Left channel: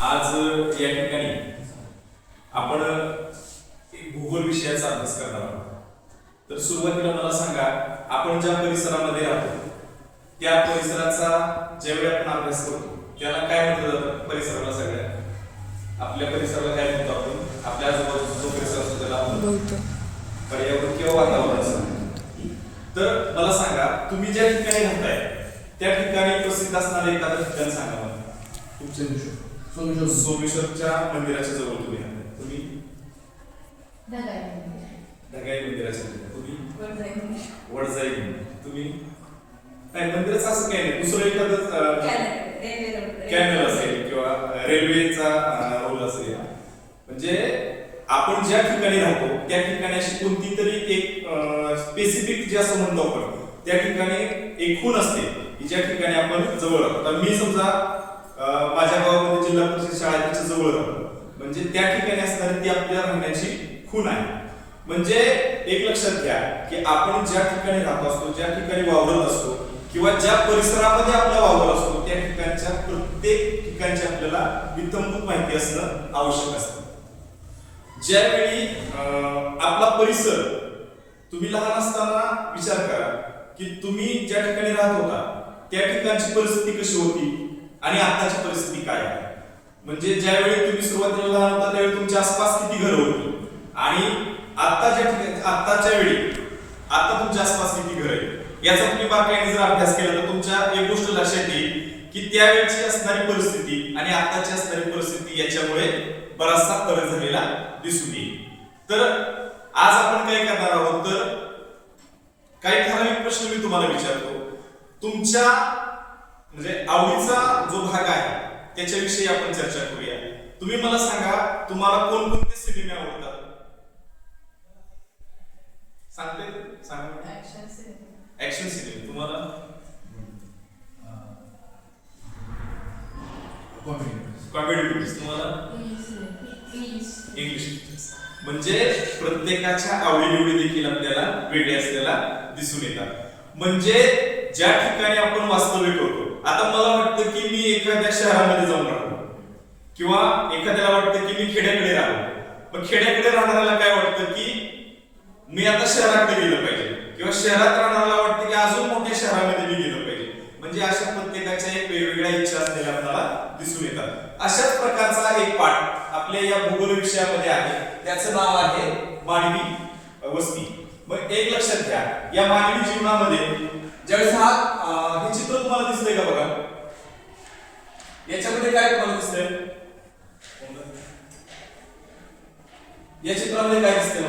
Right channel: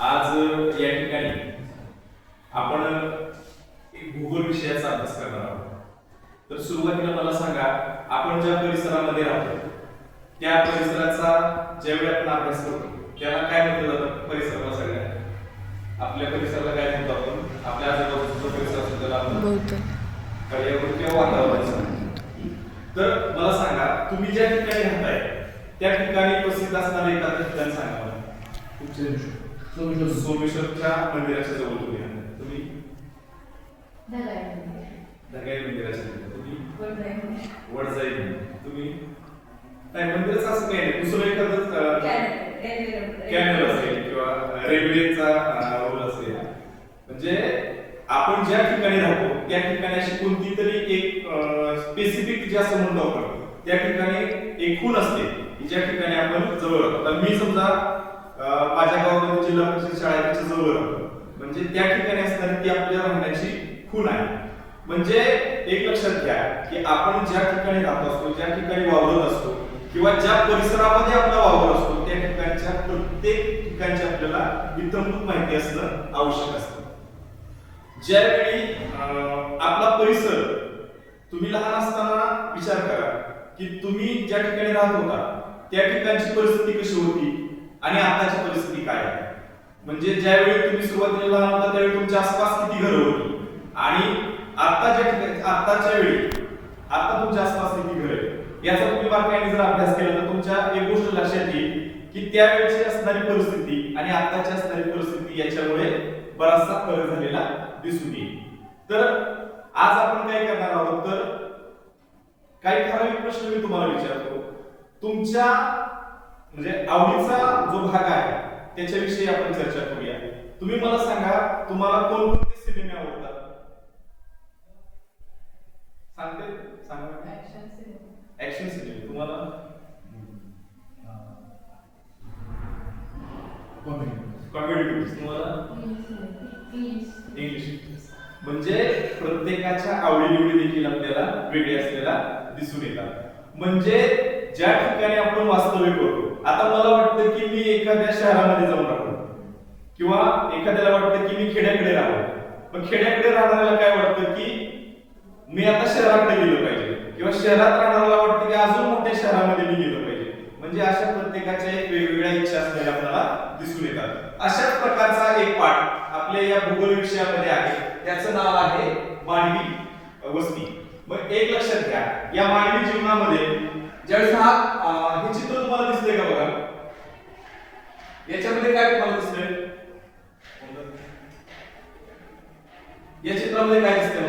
आज या ठिकाणी आपण एक भूगोल विषयाचा अभ्यास करणार आहोत. तर सुरुवातीला मला सांगा, आपण ज्या परिसरामध्ये राहतो त्या परिसराचा ज्यावेळी आपण अभ्यास करतो त्याला काय म्हटलं जातं? परिसराला सगळ्या आपल्या परिसराला काय म्हणतो आपण? आपल्या आजूबाजूचा जो परिसर असतो त्याला आपण पर्यावरण किंवा वातावरण. तर मला सांगा, तुम्ही ज्या ठिकाणी राहताय त्या ठिकाणी प्रसिद्ध असणारे एखादं ठिकाण सांगा मला. सोमेश्वरच्या मंदिराच्या जवळ तुम्ही राहता. तुम्ही ढगाई मंदिराच्या जवळ. तुम्ही वडजाई. तुम्ही काय मंदिराचं असं काही नाही, दुसरं एखादं कॅनल असेल किंवा रेल्वेचा रोल असेल. म्हणजे आपण ज्या ठिकाणी राहतो त्या ठिकाणी अशी कोणती तरी एक स्पेसिफिक जे असं म्हणतो आपण त्या ठिकाणी एक खूण असते की ज्या ठिकाणी आपण जवळ राहतो. तर मी समजा माझ्या गावामध्ये जिल्हा परिषद शाळा त्याच्या जवळ राहतो, म्हणजे त्या ठिकाणी असणारी ती आपल्या राहण्याची खूण आहे. म्हणजे एक लक्षात घ्या की आपण ज्या ठिकाणी राहत असतो, ज्या ठिकाणी वावरत असतो किंवा ज्या परिसरामध्ये आपला वावर असतो त्या ठिकाणच्या प्रत्येक ठिकाणची आपल्याला इत्थंभूत माहिती असणं आवश्यक असतं. ज्यावेळी आपला परिसर, तुम्ही लहान असताना विचार करा की तुम्ही ज्या ठिकाणी राहत होता त्या ठिकाणची परिस्थिती कशी होती आणि आताची परिस्थिती काय आहे. म्हणजे ज्यावेळी तुम्ही सुरुवातीला लहान होता त्यावेळी तुमच्या आसपास किती घरं होती आणि आताच्या वेळी आता तुमच्या आसपास किती घरं आहे याचा तुम्ही बारकाईने जर अभ्यास केला तर तुमच्या एक गोष्ट लक्षात येईल की त्यावेळची असणारी परिस्थिती आणि आताची असणारी परिस्थिती याच्यामुळे बराचसा फरक झालेला दिसून येईल. तर आज आपण काय करणार आहोत, तर काही ठराविक प्रश्न मी तुम्हाला विचारतो. तुमच्या म्हणजे आवडीचा जो भाग आहे त्याच्याविषयी आपण चर्चा करूया. तुम्ही मला सांगा, तुम्हाला कोणकोणते सिनेमे आवडतात? सांगा. ऍक्शन सिनेमे. तुम्हाला कॉमेडी पिक्चर्स. तुम्हाला इंग्लिश पिक्चर्स. म्हणजे प्रत्येकाच्या आवडीनिवडी देखील आपल्याला वेगळ्या असलेला दिसून येतात. म्हणजे ज्या ठिकाणी आपण वास्तव्य करतो, आता मला वाटतं की मी एखाद्या शहरामध्ये जाऊन राहतो किंवा एखाद्याला वाटतं की मी खेड्याकडे राहतो, पण खेड्याकडे राहणाऱ्याला काय वाटतं की मी आता शहराकडे गेलं पाहिजे किंवा शहरात राहणाऱ्याला वाटतं की अजून मोठ्या शहरामध्ये मी गेलं पाहिजे. म्हणजे अशा प्रत्येकाच्या एक वेगवेगळ्या इच्छा असलेल्या आपल्याला दिसून येतात. अशाच प्रकारचा एक पाठ आपल्या या भूगोल विषयामध्ये आहे, त्याचं नाव आहे मानवी वस्ती. मग एक लक्षात घ्या, या मानवी जीवनामध्ये ज्यावेळेस हे चित्र तुम्हाला दिसतंय का? बघा याच्यामध्ये काय तुम्हाला दिसतंय? या चित्रामध्ये काय दिसतंय?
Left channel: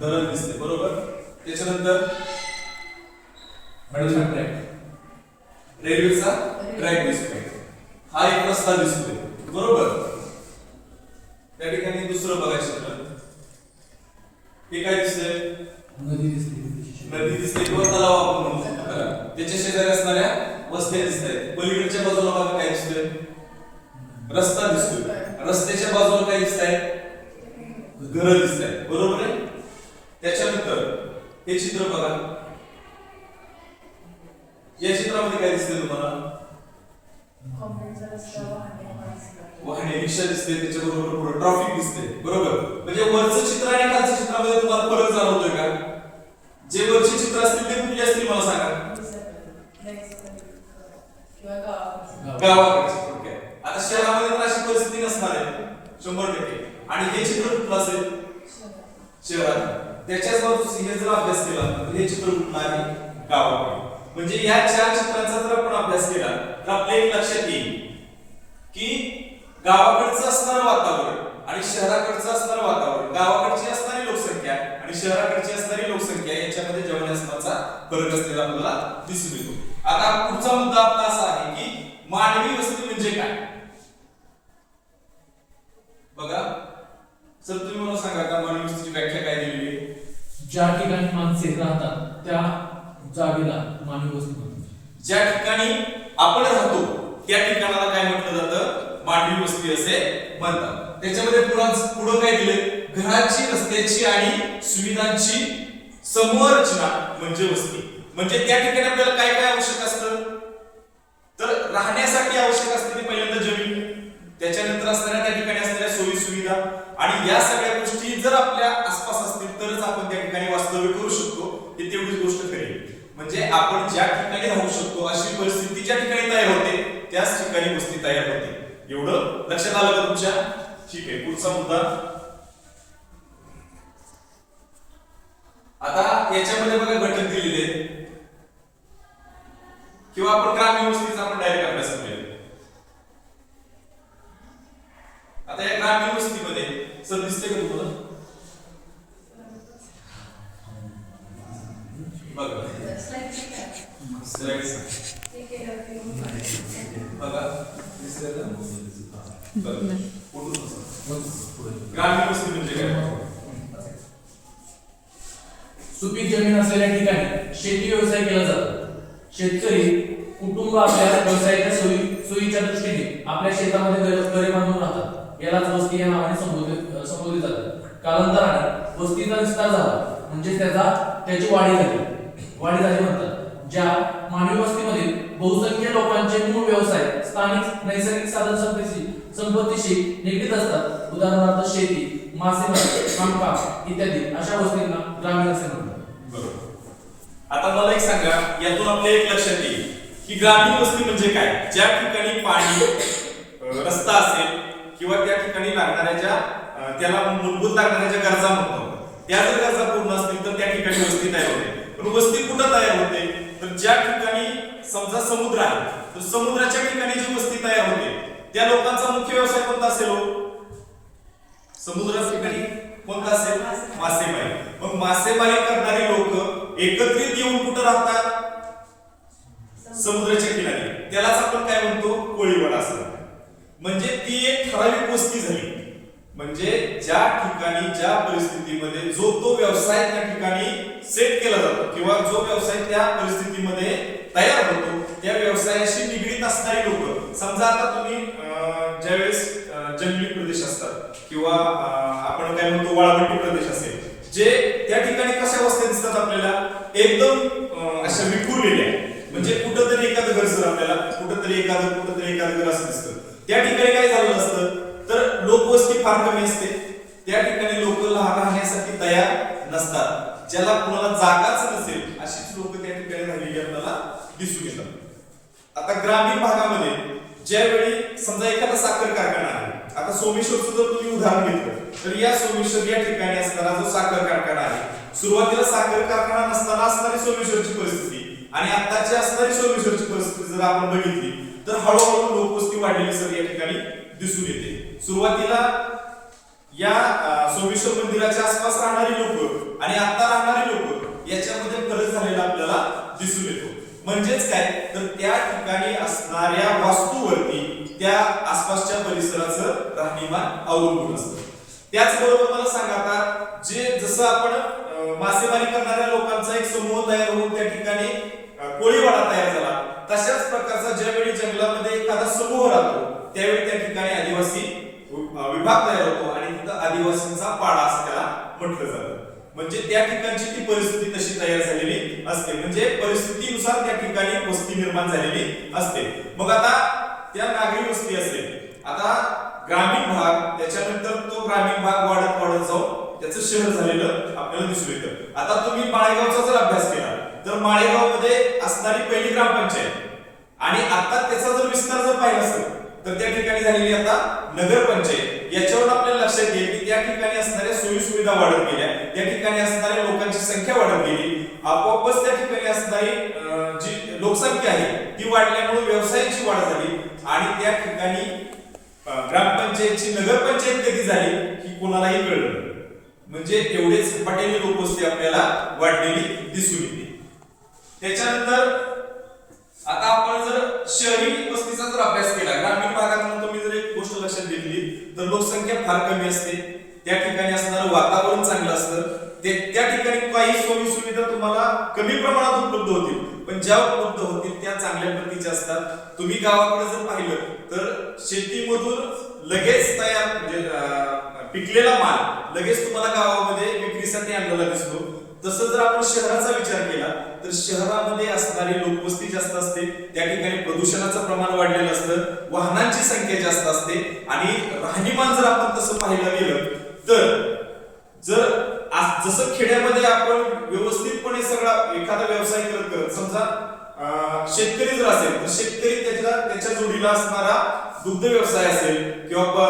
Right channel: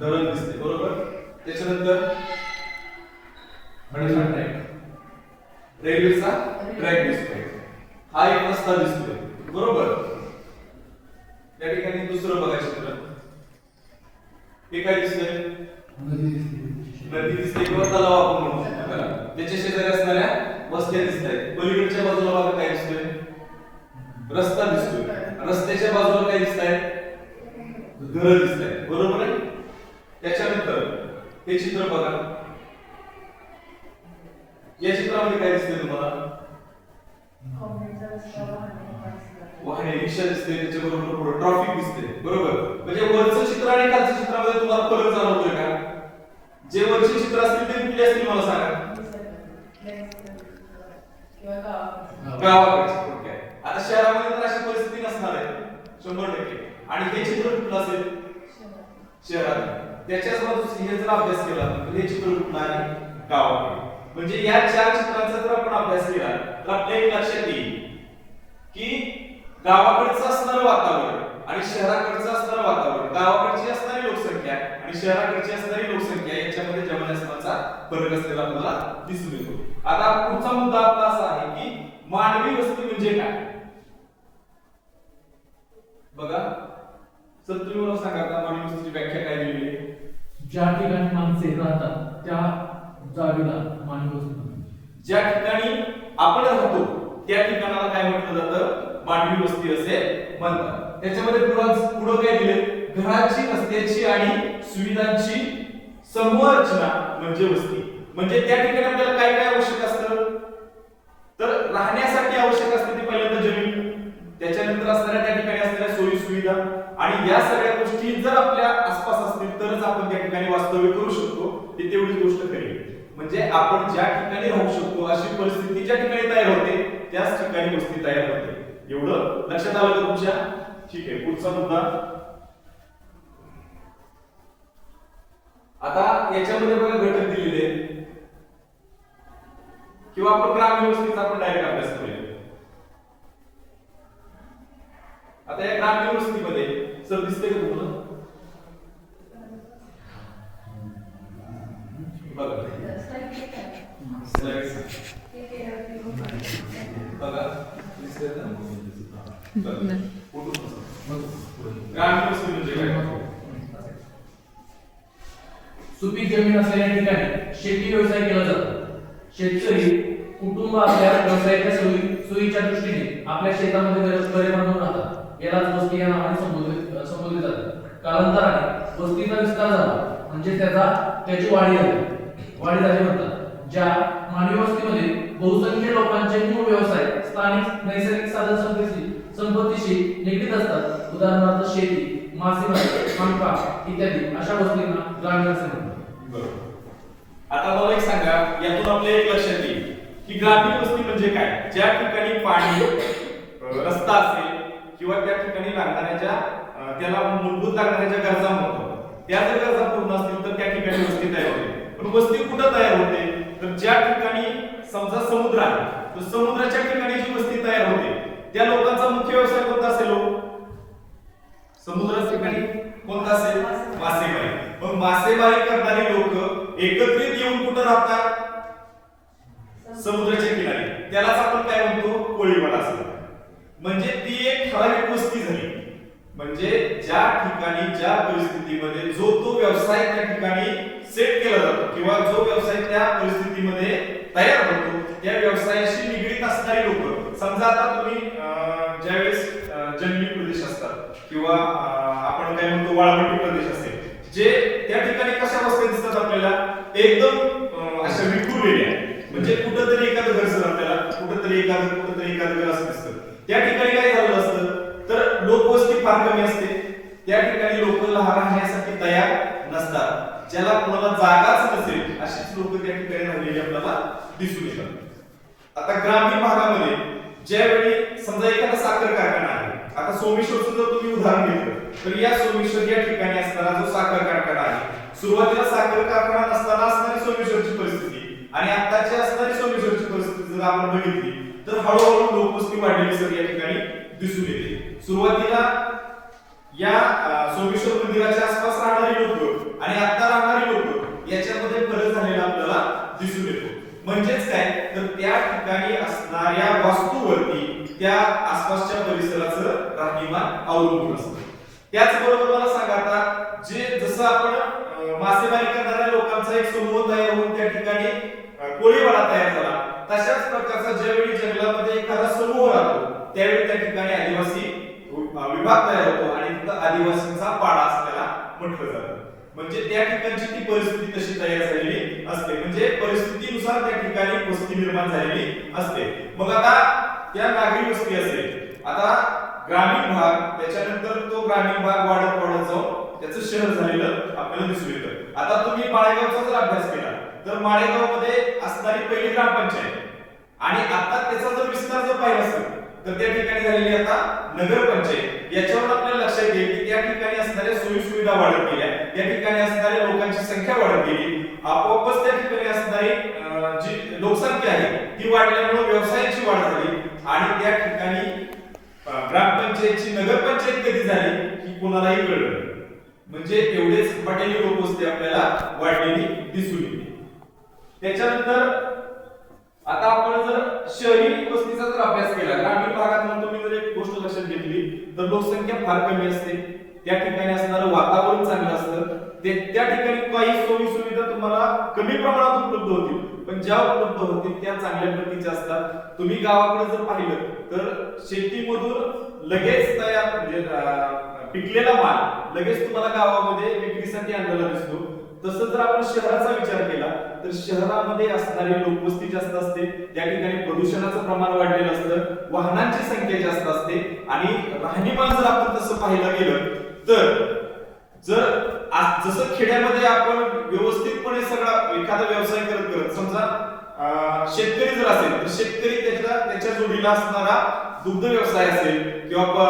धरण दिसते. बरोबर. त्याच्यानंतर रेल्वेचा ट्रॅक दिसतोय. हा एक रस्ता दिसतोय. बरोबर. त्या ठिकाणी दुसरं बघा चित्र. हे काय दिसतंय? नदी दिसते किंवा तलाव आपण म्हणतो. त्याच्या शेजारी असणाऱ्या वस्त्या दिसत आहेत. पलीकडच्या बाजूला बघा काय दिसतोय? रस्ता दिसतोय. रस्त्याच्या बाजूला काय दिसत आहेत? घरं दिसत आहेत. बरोबर आहे. त्याच्यानंतर हे चित्र बघा. या चित्रामध्ये काय दिसतंय तुम्हाला? वाहने, रिक्षा दिसते. त्याच्याबरोबर ट्रॅफिक दिसते. बरोबर. म्हणजे वरचं चित्र आणि खालच्या चित्रामध्ये तुम्हाला फरक जाणवतोय का? जे वरचे चित्र असतील ते कुठले असतील मला सांगा. गावाकडचे. ओके. आता शहरामध्ये तर अशी परिस्थिती नसणार आहे 100%. आणि हे चित्र कुठलं असेल? शहरात. त्याच्याच बाजूस हे जर अभ्यास केला तर हे चित्र कुठलं आहे? गावाकडे. म्हणजे या चार चित्रांचा जर आपण अभ्यास केला तर आपल्या एक लक्षात येईल की गावाकडचं असणारं वातावरण आणि शहराकडचं असणारं वातावरण, गावाकडची असणारी लोकसंख्या आणि शहराकडची असणारी लोकसंख्या याच्यामध्ये जवळजवळचा फरक असलेला आपल्याला दिसून येतो. आता पुढचा मुद्दा आपला असा आहे की मानवी वस्ती म्हणजे काय? बघा सर, तुम्ही मला सांगा का मानवी वस्तीची व्याख्या काय दिलेली आहे? ज्या ठिकाणी माणसे राहतात त्या जागेला मानवी वस्ती म्हणतात. ज्या ठिकाणी आपण राहतो त्या ठिकाणाला काय म्हटलं जातं? मानवी वस्ती असे म्हणतात. त्याच्यामध्ये पुढे काय दिले? घराची, रस्त्याची आणि सुविधांची समूह रचना म्हणजे वस्ती. म्हणजे त्या ठिकाणी आपल्याला काय काय आवश्यक असतं? तर राहण्यासाठी आवश्यक असते ते पहिल्यांदा त्याच्यानंतर असणाऱ्या त्या ठिकाणी असलेल्या सोयी सुविधा आणि या सगळ्या गोष्टी जर आपल्या आसपास असतील तरच आपण त्या ठिकाणी वास्तव्य करू शकतो. ही तेवढीच गोष्ट खरी आहे. म्हणजे आपण ज्या ठिकाणी राहू शकतो अशी परिस्थिती ज्या ठिकाणी तयार होते त्याच ठिकाणी वस्ती तयार होते. एवढं लक्षात आलं का तुमच्या? ठीक आहे. पुढचा मुद्दा आता याच्यामध्ये बघा घटक दिलेले किंवा आपण ग्रामीण वस्तीचा आपण डायरेक्ट अभ्यास करूया. आता या ग्रामीण वस्तीमध्ये सर दिसते का तुम्हाला? बघा स्लाइड्स बघा दिसते ना? ग्रामीण वस्ती म्हणजे काय? सुपीक जमीन असलेल्या ठिकाणी शेती व्यवसाय केला जातो. शेतकरी कुटुंब आपल्या व्यवसायाच्या सोयीच्या दृष्टीने आपल्या शेतामध्ये घरे बांधून राहतात. यालाच वस्ती या नावाने संबोधले जाते. कालांतराने वस्तीचा विस्तार झाला म्हणजे त्याची वाढी झाली म्हणतात. ज्या मानवी वस्तीमध्ये बहुसंख्य लोकांचे मूळ व्यवसाय स्थानिक नैसर्गिक साधन संपत्तीशी निगडीत असतात. उदाहरणार्थ शेती, मासेमारी, खाणकाम इत्यादी अशा वस्तींना ग्रामीण असे म्हणतात. बरोबर. आता मला एक सांगा, यातून आपल्या एक लक्षात येईल की ग्रामीण वस्ती म्हणजे काय? ज्या ठिकाणी पाणी, रस्ता असेल किंवा त्या ठिकाणी लागणाऱ्या त्याला मूलभूत लागणाऱ्या ज्या गरजा म्हणतो त्या जर गरजा पूर्ण असतील तर त्या ठिकाणी वस्ती तयार होते. पण वस्ती कुठं तयार होते? तर ज्या ठिकाणी समजा समुद्र आहे तर समुद्राच्या ठिकाणी जी वस्ती तयार होते त्या लोकांचा मुख्य व्यवसाय कोणता असेल? समुद्राच्या ठिकाणी कोणता असेल? मासेमारी. मग मासेमारी करणारी लोक एकत्रित येऊन कुठं राहतात? समुद्राच्या किनारी. त्यालाच आपण काय म्हणतो? कोळीवाडा असं. म्हणजे ती एक ठराविक वस्ती झाली. म्हणजे ज्या ठिकाणी ज्या परिस्थितीमध्ये जो तो व्यवसाय त्या ठिकाणी सेट केला जातो किंवा जो व्यवसाय त्या परिस्थितीमध्ये तयार होतो त्या व्यवसायाशी निगडीत असणारी लोक. समजा आता तुम्ही ज्यावेळेस जंगली प्रदेश असतात किंवा आपण काय म्हणतो वाळवंटी प्रदेश असेल जे त्या ठिकाणी कशा वस्त्या दिसतात आपल्याला? एकदम अशा विखुरलेल्या. म्हणजे कुठंतरी एखादं घर असतं आपल्याला, कुठंतरी एखादं घर असं दिसतं. त्या ठिकाणी काय झालेलं असतं तर लोकवस्ती फार कमी असते. त्या ठिकाणी लोक राहण्यासाठी तयार नसतात. ज्याला कोणाला जागाच नसेल अशीच लोक त्या ठिकाणी राहिलेली आपल्याला दिसून येतात. आता ग्रामीण भागामध्ये ज्यावेळी समजा एखादा साखर कारखाना आहे. आता सोमेश्वरचं जर तुम्ही उदाहरण घेतलं तर या सोमेश्वर या ठिकाणी असणारा जो साखर कारखाना आहे, सुरुवातीला साखर कारखाना नसताना असणारी सोमेश्वरची परिस्थिती आणि आताची असणारी सोमेश्वरची परिस्थिती जर आपण बघितली तर हळूहळू लोकवस्ती वाढलेली सर या ठिकाणी दिसून येते. सुरुवातीला या सोमेश्वर मंदिराच्या आसपास राहणारी लोक आणि आता राहणारी लोक याच्यामध्ये फरक झालेला आपल्याला दिसून येतो. म्हणजेच काय तर त्या ठिकाणी असणाऱ्या वास्तूवरती त्या आसपासच्या परिसराचं राहणीमान अवलंबून असतं. त्याचबरोबर मला सांगा आता जसं आपण मासेमारी करणाऱ्या लोकांचा एक समूह तयार होऊन त्या ठिकाणी कोळीवाडा तयार झाला, तशाच प्रकारचा ज्यावेळी जंगलामध्ये एखादा समूह राहतो त्यावेळी त्या ठिकाणी आदिवासी विभाग तयार होतो आणि तिथं आदिवासींचा पाडा असं त्याला म्हटलं जातं. म्हणजे त्या ठिकाणची ती परिस्थिती तशी तयार झालेली असते. म्हणजे परिस्थितीनुसार त्या ठिकाणी वस्ती निर्माण झालेली असते. मग आता त्या नागरी वस्ती असेल, आता ग्रामीण भाग, त्याच्यानंतर तो ग्रामीण भाग वाढत जाऊन त्याचं शहर झालेलं आपल्याला दिसून येतं. आता तुम्ही माळेगावचा जर अभ्यास केला तर माळेगावमध्ये असणारी पहिली ग्रामपंचायत आणि आता त्याचा जर विस्तार जर पाहिला असेल तर त्या ठिकाणी झालेली आता नगरपंचायत. याच्यावर आपल्याला लक्षात येईल की त्या ठिकाणी असणाऱ्या सोयी सुविधा वाढत गेल्या, त्या ठिकाणी असणाऱ्या लोकांची संख्या वाढत गेली, आपोआपच त्या ठिकाणी असणारी जी लोकसंख्या आहे ती वाढल्यामुळे व्यवसायाची वाढ झाली आणि त्या ठिकाणी ग्रामपंचायतची नगरपंचायत कधी झाली की कोणालाही कळलं. म्हणजे एवढे झपाट्याने लोकवस्ती आपल्याला वाढलेली दिसून येते. त्याच्यानंतर आता आपण जर शहरी वस्तीचा जर अभ्यास केला, ग्रामीण भागात तुम्ही जर एक गोष्ट लक्षात घेतली तर लोकसंख्या फार कमी असते, त्या ठिकाणी असणारं वातावरण चांगलं असतं, त्या ठिकाणी काही सोयी सुविधा तुम्हाला कमी प्रमाणात उपलब्ध होतील, पण ज्या उपलब्ध होतील त्या चांगल्या प्रतीच्या असतात. तुम्ही गावाकडे जर पाहिलं तर शेतीमधून लगेच तयार म्हणजे पिकलेला माल लगेच तुम्हाला गावामध्ये विक्रीसाठी आणलेला दिसतो. तसं जर आपण शहराचा विचार केला तर शहरामध्ये असणारी लोकवस्ती जास्त असते, त्या ठिकाणी प्रदूषणाचं प्रमाण वाढलेलं असतं, वाहनांची संख्या जास्त असते आणि राहणीमान जर आपण तसं पाहायला गेलं तर जसं खेड्यामध्ये आपण व्यवस्थितपणे सगळा एखादा व्यवसाय करत करत समजा शेतकरी जर असेल तर शेतकरी त्याच्या जोडीला असणारा दुग्ध व्यवसाय असेल किंवा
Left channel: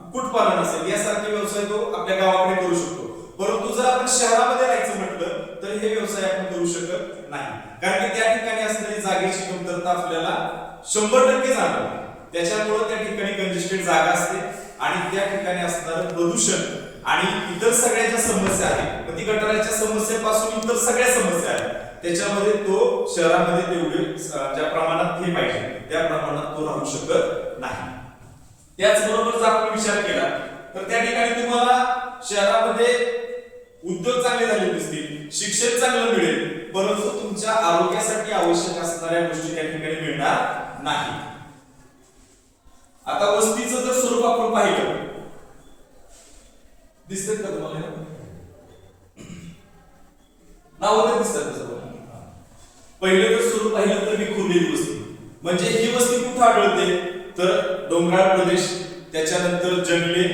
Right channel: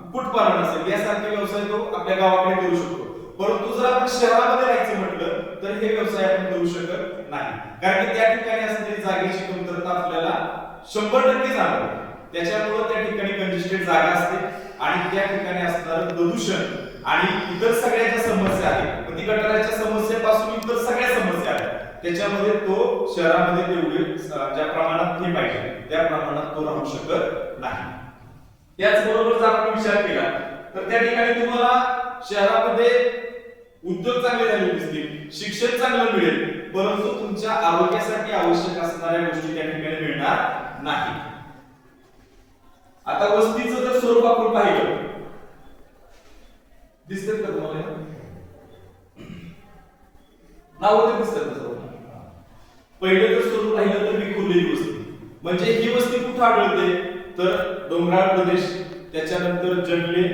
कुक्कुटपालन असेल यासारखे व्यवसाय तो आपल्या गावाकडे करू शकतो. परंतु जर आपण शहरामध्ये राहायचं म्हटलं तर हे व्यवसाय आपण करू शकत नाही, कारण की त्या ठिकाणी असलेली जागेची कमतरता आपल्याला 100% जाणवते. त्याच्यामुळे त्या ठिकाणी कंजेस्टेड जागा असते आणि त्या ठिकाणी असणारं प्रदूषण आणि इतर सगळ्या ज्या समस्या आहेत, ती गटाराच्या समस्येपासून इतर सगळ्या समस्या आहेत, त्याच्यामध्ये तो शहरामध्ये तेवढे ज्या प्रमाणात हे पाहिजे त्या प्रमाणात तो राहू शकत नाही. त्याचबरोबर जर आपण विचार केला तर त्या ठिकाणी तुम्हाला शहरामध्ये उद्योग चांगले झाले दिसतील, शिक्षण चांगलं मिळेल, परंतु तुमच्या आरोग्यासाठी आवश्यक असणाऱ्या गोष्टी त्या ठिकाणी मिळणार नाही. आता वस्तीचं जर स्वरूप आपण पाहिलं, दिसतात का तुम्हाला नाव ते दिसतात? पहिलं जर स्वरूप पाहिलं तर विखुरलेली वस्ती, म्हणजे ही वस्ती कुठं आढळते तर डोंगराळ प्रदेश, त्याच्यानंतर जंगले,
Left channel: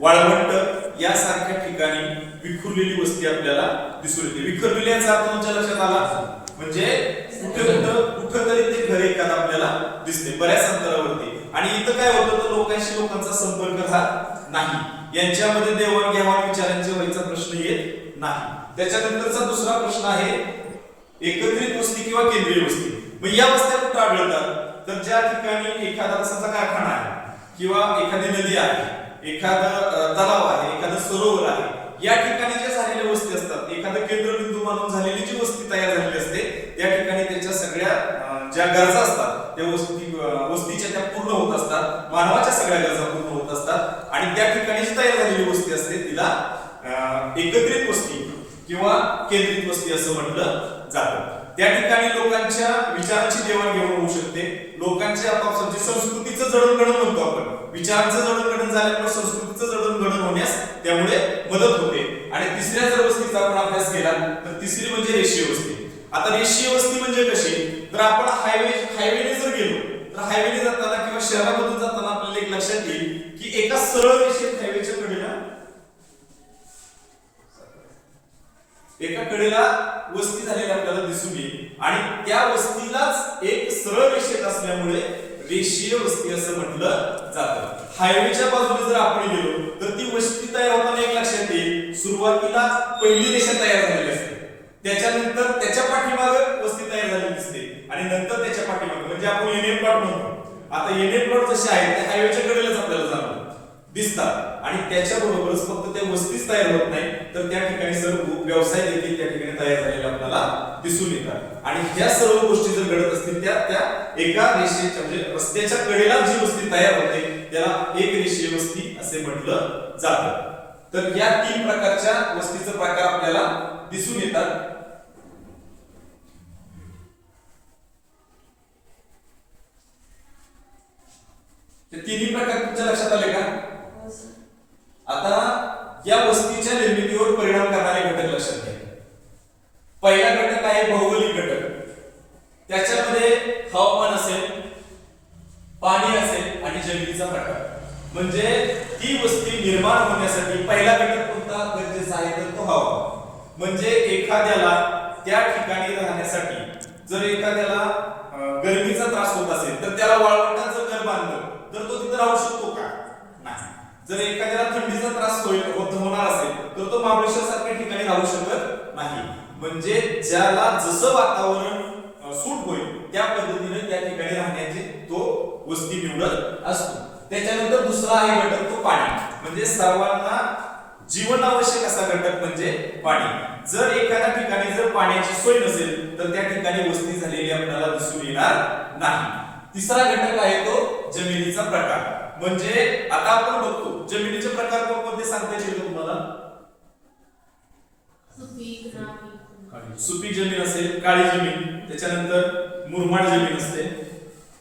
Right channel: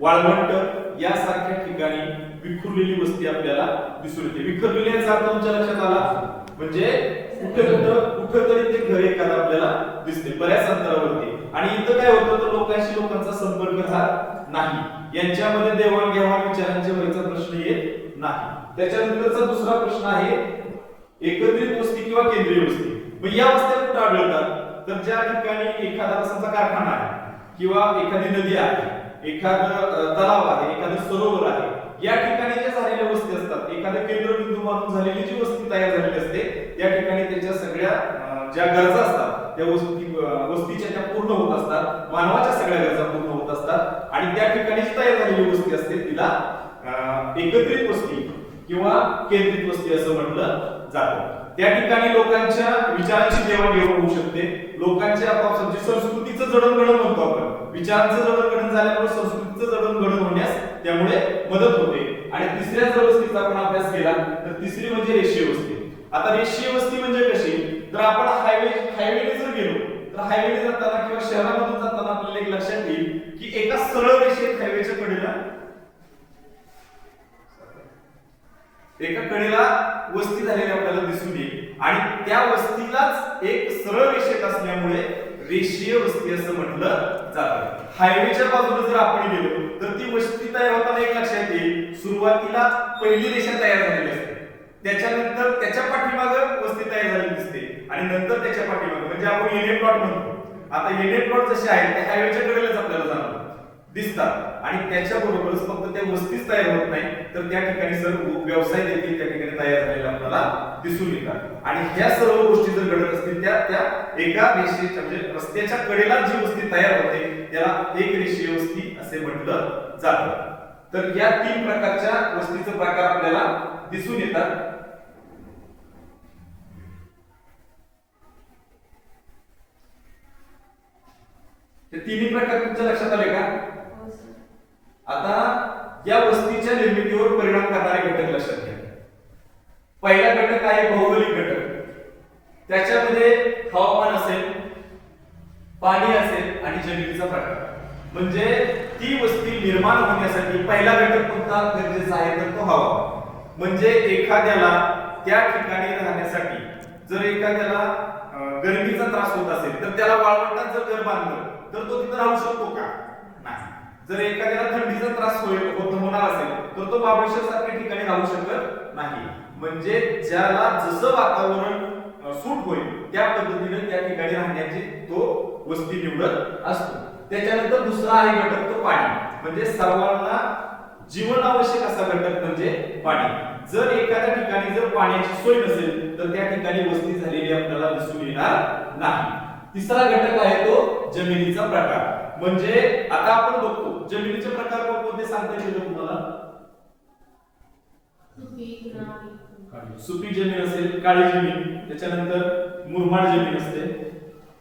वाळवंट यासारख्या ठिकाणी विखुरलेली वस्ती आपल्याला दिसून येते. विखुरलेली याचा अर्थ तुमच्या लक्षात आला म्हणजे कुठं तरी ते घर एखादं आपल्याला दिसते बऱ्याच अंतरावरती, आणि इथं काय होतं तर लोकांचा संपर्क राहत नाही, यांच्यामध्ये देवाणघेवाण विचारांचे व्हायचा प्रश्न येत नाही. त्याच्यानंतरचा दुसरा प्रश्न आहे एकत्रित वस्ती किंवा केंद्रीय वस्ती. मग या वस्त्या कुठं आढळतात तर ज्या ठिकाणी एखादा समजा कारखाना आहे किंवा एखादी नदी आहे, एखादा तलाव आहे, एखादं सरोवर आहे, या ठिकाणी ज्या झालेल्या वस्ती असतात, एखादं केंद्रबिंदू मानून झालेली जी वस्ती तयार झालेली असते त्या ठिकाणी त्याच्या सगळ्या ज्या गरजा असतात त्या वस्तीच्या त्या पूर्ण होत असतात, मानवाच्या सगळ्या गरजा पूर्ण होत असतात आणि त्या ठिकाणी जी तयार झालेली वस्ती असते तिला एकत्रित वस्ती किंवा केंद्रित वस्ती असं म्हटलं जातं. त्या ठिकाणी लोकांच्या विचारांची देवाणघेवाण होऊ शकते, लोकांच्या आपापसाची संस्कृतीचं जडणघडण म्हणतो आपण, विचारांचं जडणघडण झाल्यामुळे संस्कृतीचं जडणघडण होण्यास त्यामुळे मदत होते. आणि तिसऱ्या जर वस्तीचा आपण अभ्यास केला तर तिसरी म्हणजे रेषीय वस्ती. आता रेषीय वस्ती म्हणजे कशी तर आपण हायवेने जर गेलो तर हायवेने जाताना किंवा शहरामधून जाताना आपल्याला एक लक्षात येईल की एका सरळ रेषेत हायवेच्या कडेला एका कडेला वस्ती झालेली आपल्याला दिसून येईल आणि त्या वस्तीलाच एक सरळ रेषेत असल्यामुळे रेषीय वस्ती असं म्हटलं जातं. हायवेच्या बाजूने जर आपण गेलो तर ती वस्ती तयार होताना एक लक्षात येईल, सुरुवातीला पहिली रेषा तयार झालेली असते, त्याच्यानंतर त्याच्या पाठीमागे वस्ती तयार झालेली दिसते आणि नंतर त्याच्या पाठीमागे म्हणजे आपण एनए प्लॉट म्हणतो. आता एनए प्लॉट जसे आहेत ते हायवेच्या कडेलाच आपल्याला जाणवतात दिसतात आणि त्याच्या बरोबरच फक्त त्या वस्तीच तयार होत नाही तर त्या ठिकाणी सर्व व्यवसाय देखील त्या ठिकाणी तयार झालेले आपल्याला दिसून येतात. आणि ह्या सर्व गोष्टी जर घडत असतील त्या एका रेषेच्या म्हणजे रस्त्याच्या कडेला जी वस्ती तयार होते त्याला एक रेषीय वस्ती असे म्हटलं जातं. तर या तीन प्रकारच्या वस्तीचे प्रकार आपल्याला दिसून येतात. हे तिन्ही प्रकार तुमच्या लक्षात आले का? आता या वस्तीच्या निर्मितीवर परिणाम करणारे घटक लक्षात घ्या. पहिला घटक आहे भौगोलिक घटक. त्याच्यामध्ये हवामान असेल, पाणी असेल आणि जमिनीचा प्रकार. म्हणजे ती वस्ती निर्माण होण्यासाठी पहिला घटक कोणता गरजेचा आहे तर तो हवामान. म्हणजे एखाद्याला त्या ठिकाणी राहण्यासाठी जर एखाद्याला गरमीचा त्रास होत असेल तर त्याला वाळवंटात जर घर बांधलं तर तो तिथे राहू शकतो का? नाही. जर एखाद्याला थंडीचा त्रास होणार असेल तर तो महाबळेश्वर सारख्या ठिकाणी राहू शकत नाही. म्हणजे ज्याला जसं वातावरण सूट होईल त्या पद्धतीने त्या ठिकाणी राहण्याची तो वस्ती निवडत असतो. त्याच्यानंतर दुसरा आहे घटक तो पाणी. म्हणजे सर्वांना जीवन आवश्यक असा घटक म्हणजे पाणी. जर एखाद्या ठिकाणी जर पाण्याची सोय नसेल तर त्या ठिकाणी वस्ती झालेली आपल्याला दिसून येणार नाही. तिसरा घटक आहे तो जमिनीचा प्रकार. म्हणजे आता आपण बघतो जमिनीचे प्रकार कोणते सांगता येईल तुम्हाला? सुपीक जमीन असेल, काळी जमीन, त्याच्यानंतर मुरमाड जमीन असते,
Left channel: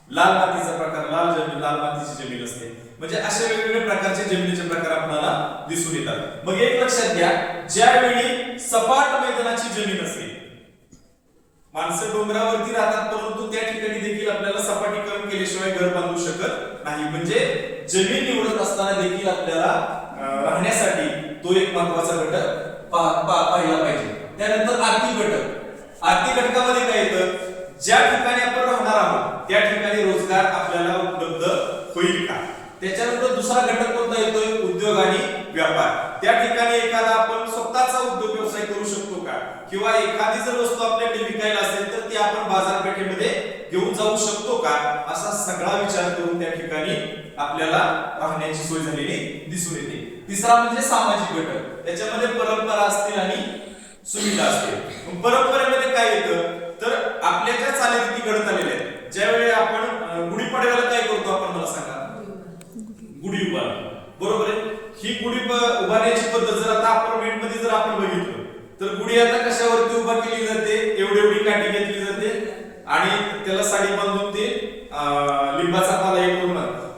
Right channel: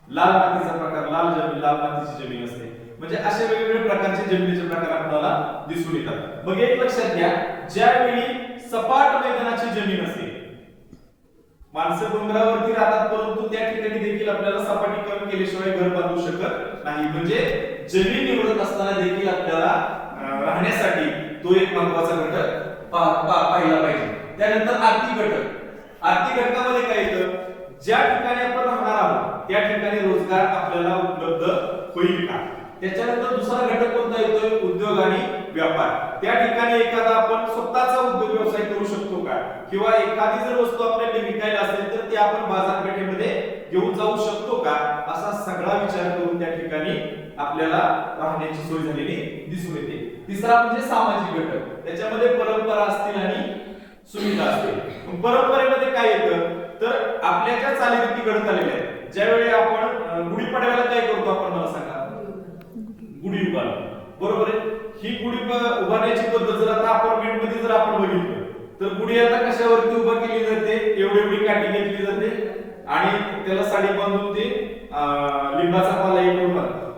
लाल मातीचा प्रकार, लाल जमीन, लाल मातीची जमीन असते. म्हणजे अशा वेगवेगळ्या प्रकारचे जमिनीचे प्रकार आपल्याला दिसून येतात. मग एक लक्षात घ्या, ज्यावेळी सपाट मैदानाची जमीन असते माणसं डोंगरावरती राहतात, परंतु त्या ठिकाणी देखील आपल्याला सपाटीकरण केल्याशिवाय घर बांधू शकत नाही. म्हणजे जमीन निवडत असताना देखील आपल्याला राहण्यासाठी तो एक महत्वाचा घटक पाहिला पाहिजे. त्यानंतर आर्थिक घटक. आर्थिक घटकामध्ये काय येतं, ज्या ठिकाणी आपण राहणार आहोत त्या ठिकाणी रोजगार आपल्याला उपलब्ध होईल का. त्याच्यानंतर दुसरा घटक कोणता येतोय, उद्योग आणि व्यापार. त्या ठिकाणी एखादा आपण स्वतःचा उद्योग व्यवसाय करू शकतो का, किंवा एखादी जर वस्तू आपल्याकडे विकायला असेल तर ती आपण बाजारपेठेमध्ये घेऊन जाऊ शकतो का, असा सगळा विचार करून त्या ठिकाणी आपल्याला राहण्याची सोय झालेली दिसून येते. तिसरा म्हणजे सामाजिक घटक. त्याच्यामध्ये परंपरा असतील आणि सुविधा असतील. परंपरेमध्ये काय येतं, तर आपल्या ज्या चालीरीती घडत आलेल्या आहेत, ज्यावेळी आपण गुढीपाडव्याला काय करतो आपण, मला सांगा, गुढी उभारतो, बरोबर आहे. ही गुढी उभारण्याची पद्धत जर आता अपार्टमेंट मध्ये जर आपण बघितलं तर गुढी आता कशावरती उभा केली जाते, एवढी काठी घेतली जाते आणि त्याला साडी बांधून ते लिंबाचा पाला येतो.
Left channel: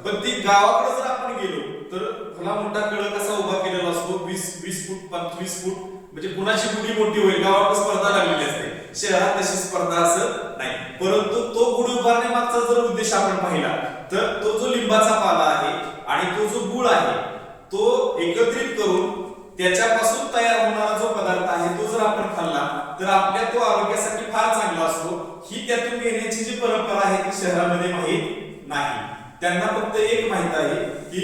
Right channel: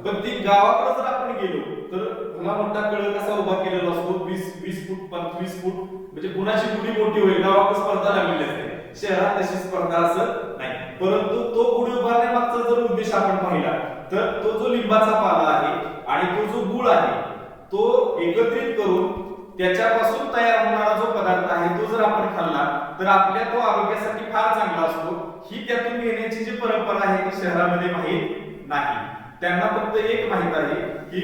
पण ती गावाकडे जर आपण गेलो तर थोडा मोठा कळक असा उभा केलेला असतो, 20 फूट 25 फूट, म्हणजे कुणाची गुढी मोठी होईल गावाकडे स्पर्धा लागलेली असते. शहरात तशी स्पर्धा असत नाही. परंतु तो गुढी उभारण्यामागचा जर उद्देश आपण पाहिला तर तो जो लिंबाचा पाला आहे आणि तो जो गुळ आहे तो एकत्रित करून त्याच्यापासून तयार होणारा जो पदार्थ आहे तो जर आपण खाल्ला तर आपल्या तो आरोग्यासाठी फार चांगला असतो. ही त्यातून घेण्याची जी परंपरा आहे ती शहरामध्ये माहीत नाही. त्यांना फक्त एक माहित आहे की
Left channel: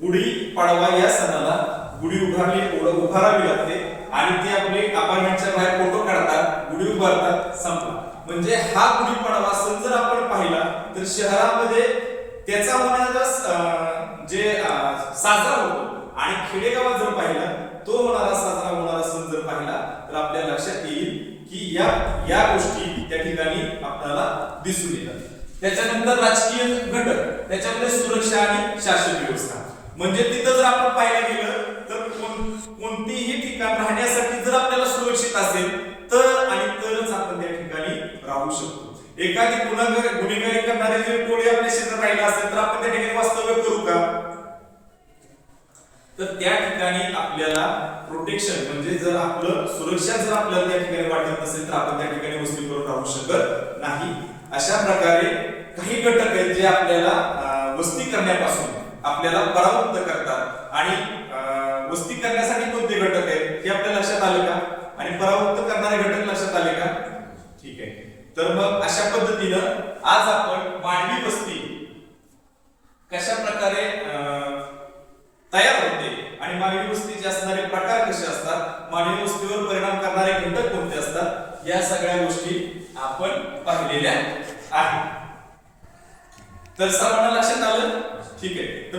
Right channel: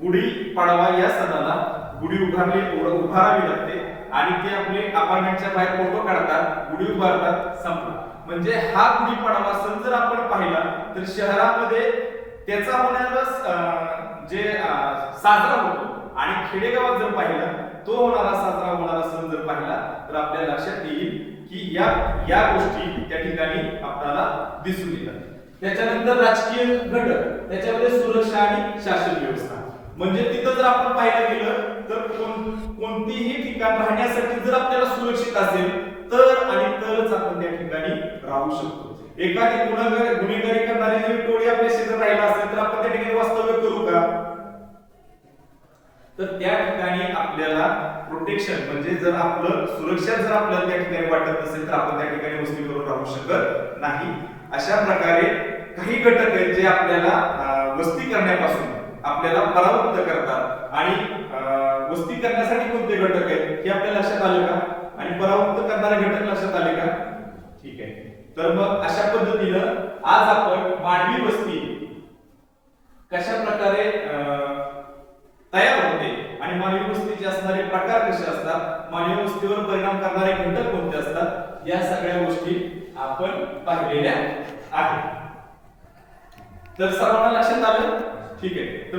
गुढी पाडवा या सणाला गुढी उभारावी लागते आणि ते आपले अपार्टमेंटच्या बाहेर फोटो काढतात, गुढी उभारतात, संपला. म्हणजे हा गुढी पाडवा सण जर आपण पाहिला तर शहरामध्ये त्याचा होणारा जे साजरा होतो आणि खेडेगावात जर पाहिला तो साजरा होणारा सण जर पाहिला तर आपल्या लक्षात येईल की या गोष्टी त्या ठिकाणी आपल्याला दिसून येतात. त्याच्यानंतर राजकीय घटक. त्याच्यामध्ये सुरक्षा आणि शासन व्यवस्था. म्हणजे तिथं जर आपण पाहायला गेलं तर कोणतीही ठिकाण राहण्यासाठी जर आपल्याला सुरक्षित असेल तर आणि तरच आपण त्या ठिकाणी राहू शकतो. एखादी गुन्हेगारी करणारी जर टोळी आपल्या शेतात राहिला असेल तर आपण त्या ठिकाणी वास्तव्य करू का, तर त्या ठिकाणी आपल्याला प्रोटेक्शन म्हणजे जर आपलं सुरक्षा जर आपल्याला त्या ठिकाणी वाटत नसेल तर आपण त्या ठिकाणी वस्ती करून राहू शकत नाही. अशा प्रकारे काही घटक आहेत जे आपल्याला वस्ती करण्यापासून आपल्याला परावृत्त करतात. आणि वस्ती करण्यासाठी कोणते घटक आहेत हे आपल्या लक्षात आलं का, आणि परावृत्त करणारे घटक लक्षात आले का. ठीक आहे. तर मग अशा पद्धतीनं आज आपण मानवी वस्ती कशा प्रकारे तयार होते आणि मानवी वस्तीचे असणारे प्रकार कसे असतात, मानवी वस्तीवर परिणाम करणारे घटक कोणते असतात, या सगळ्या गोष्टी आपण पाहिलेल्या आहेत. तर सर्वांना लक्षात आलं. ठीक आहे. तर